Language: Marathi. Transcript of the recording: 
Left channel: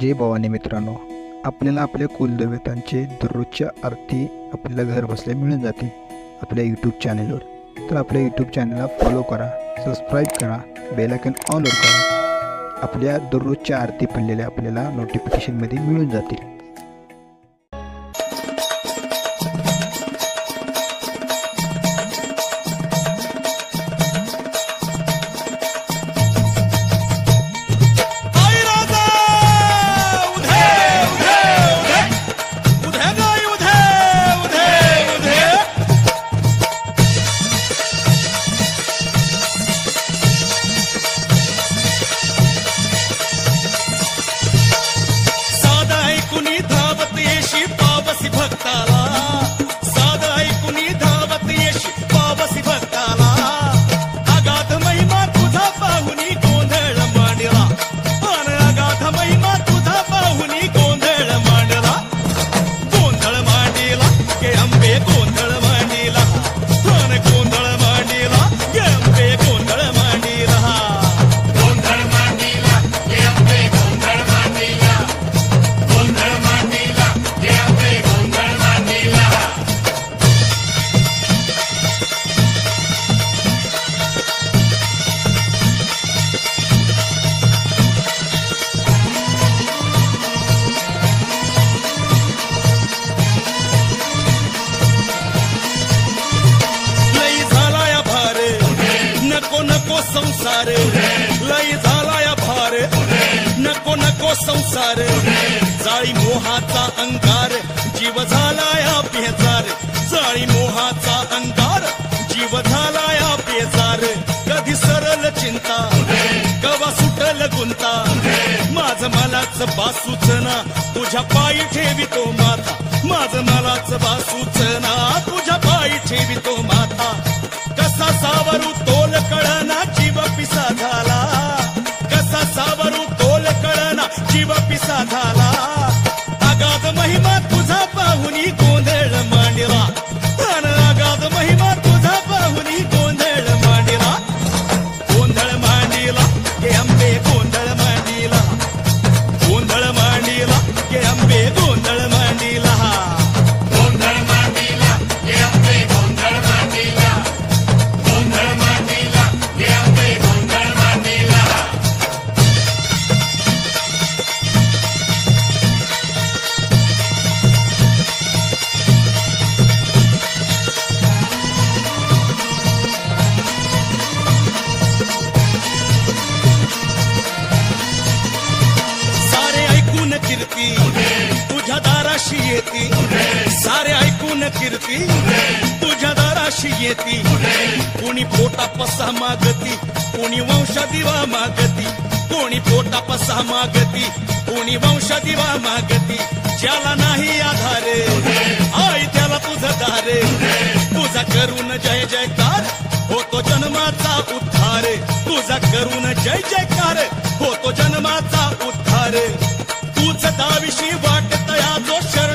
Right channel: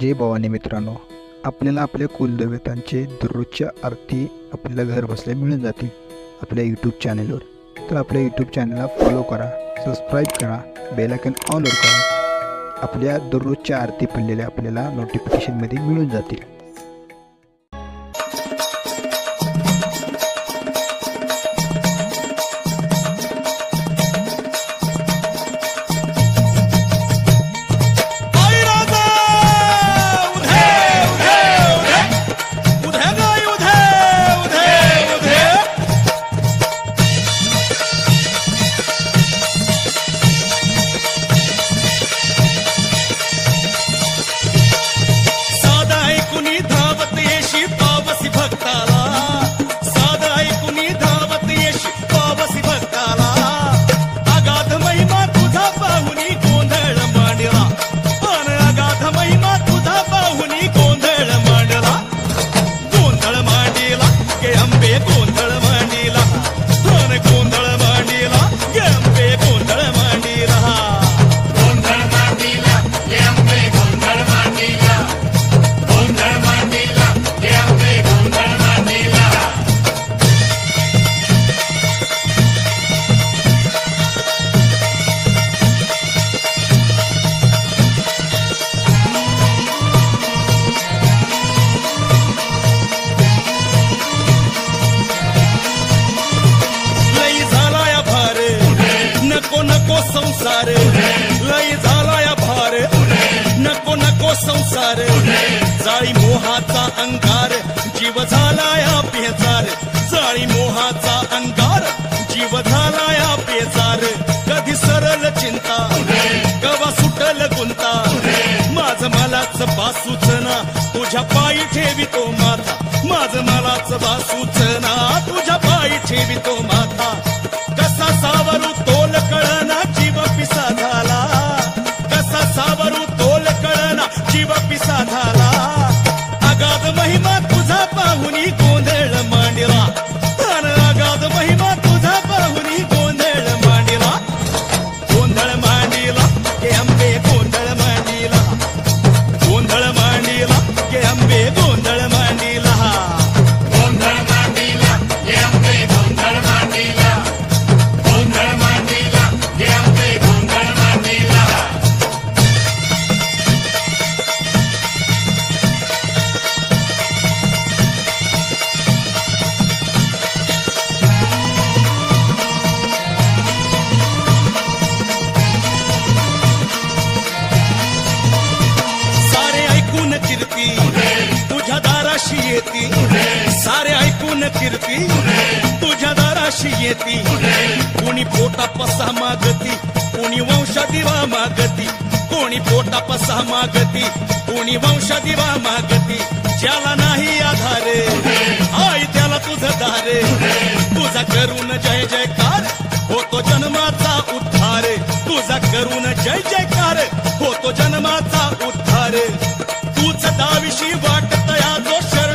जय भवानी मित्रांनो, आपल्याला आपल्या कुलदेवतांचे दररोजच्या आरती आपल्याला घर बसल्या मिळून जातील आपल्या यूट्यूब चॅनलवर. तर आपल्या यूट्यूब चॅनलला फॉलो करा, सबस्क्राईब करा, बेल आयकॉन ऑलवर करा. आपल्या दररोजच्या आरती पडलेल्या आपल्याला नोटिफिकेशनमध्ये मिळून जातील. कुणी धावत येशी पावसी भक्ताला, साध ऐकुनी धावत येशी पावसी भक्ताला. अगाध महिमा तुझा पाहुनी गोंधळ मांडला, पण अगाध महिमा तुझा पाहुनी गोंधळ मांडला. गोंधळ मांडला गे अंबे, गोंधळ मांडला, पण गोंधळ मांडला गे अंबे, गोंधळ मांडला. नको नको संसार, लय झालाया भार, नको नको संसार. जाळी मोहाचा अंगार, जीव झालाया बेजार. जाळी मोहाचा अंगार, जीव झालाया बेजार. कधी सरल चिंता, कवा सुटल गुंता. माझ मलाच बासूच ना, तुझ्या पायी ठेवितो माथा. माझ मलाच बासूच ना, तुझ्या पायी ठेवितो माथा. कसा सावरू तोल कळना, जीव पिसा झाला. कसा सावरू तोल कळना, जीव पिसा झाला. अगाध महिमा तुझा पाहुनी गोंधळ मांडला, आणि अगाध महिमा तुझा पाहुनी गोंधळ मांडला. गोंधळ मांडला गे अंबे, गोंधळ मांडला, गोंधळ मांडला गे अंबे, गोंधळ मांडला. गोंधळ मांडला गे अंबे, गोंधळ मांडला, गोंधळ मांडला गे अंबे, गोंधळ मांडला. सारे ऐकून कीर्ती तुझ्या दाराशी येती. सारे ऐकून कीर्ती तुझ्या दाराशी येती. कोणी पोटा पसा मागती, कोणी वंशा दिवा मागती. कोणी पोटा पसा मागती, कोणी वंशा दिवा मागती. ज्याला नाही आधार, आई त्याला तुझं दार. तुझा करून जय जयकार, होतो जन्माचा उद्धार. तुझा करून जय जयकार, होतो जन्माचा उद्धार. तूच दाविशी वाटतया जो शरण